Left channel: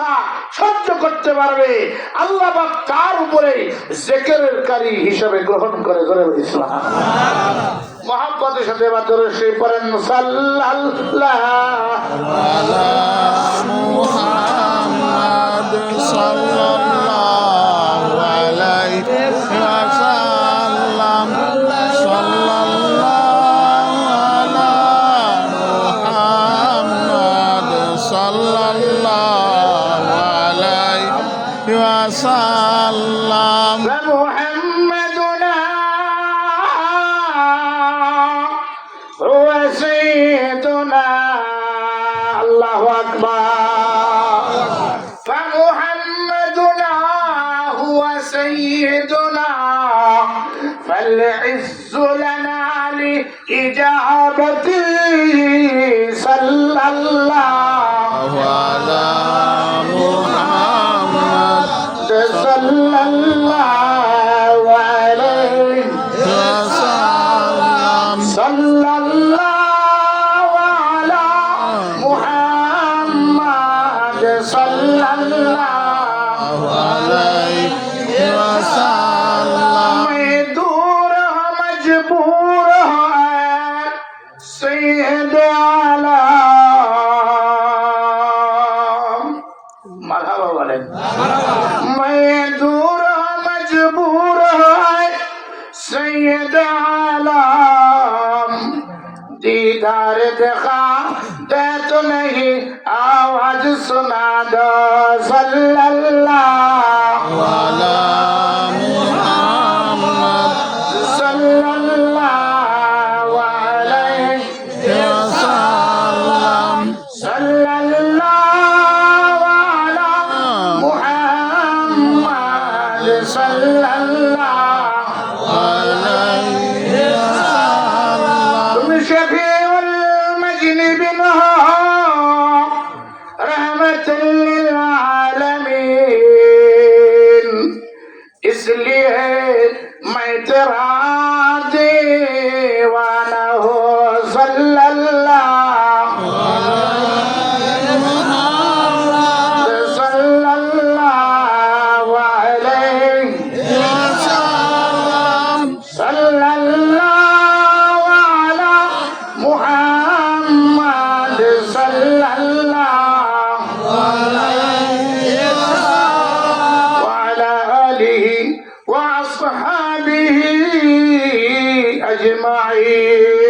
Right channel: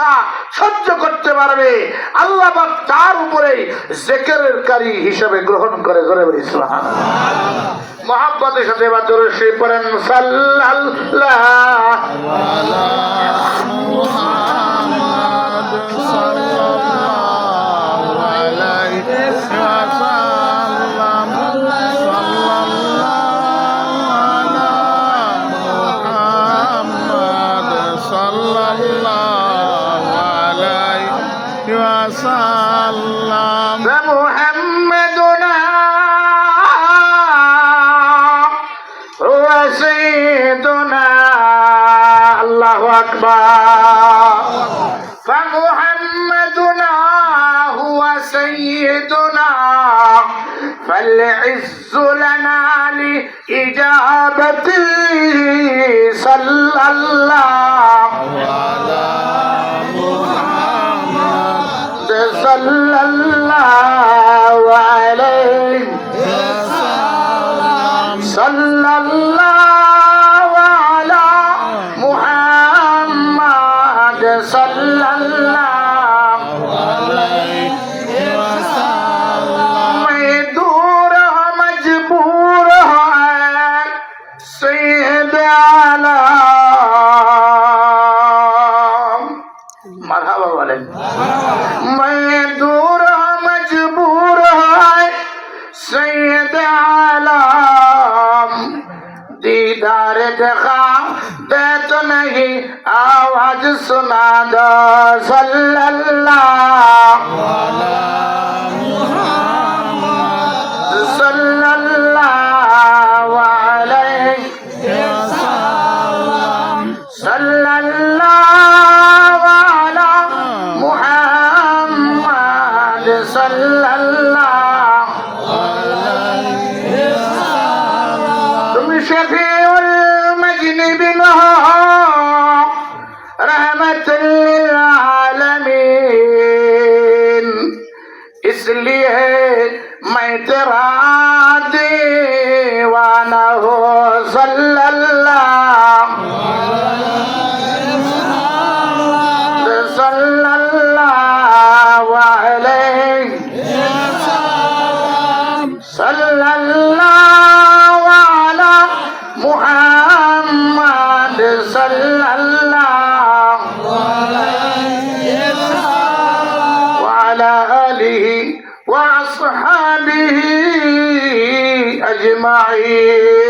তা সহ্য করতে পারবে। আল্লাহ তার উপরে জেকেরের কারি হিসেবে গ্রহণ করে ধরে ইসলাম মহাব্বতের সাথে এবার ধরে সে পড়েন, সাল্লাল্লাহ। وسلم فمحمدنا هو سيدنا. الله أكبر. فمحمدنا هو سيدنا. فالعز لنا لإجابته. صلى الله صلى الله عليه صلى الله على محمد صلى الله عليه وسلم میں دور ہوں مجبور ہوں سید عالم مرحبا والے دیدار دکھا دے تو نہیں آواز سنا دو صلی اللہ صلی اللہ علیہ صلی اللہ علی محمد صلی চেরা وأصحابه أجمعين.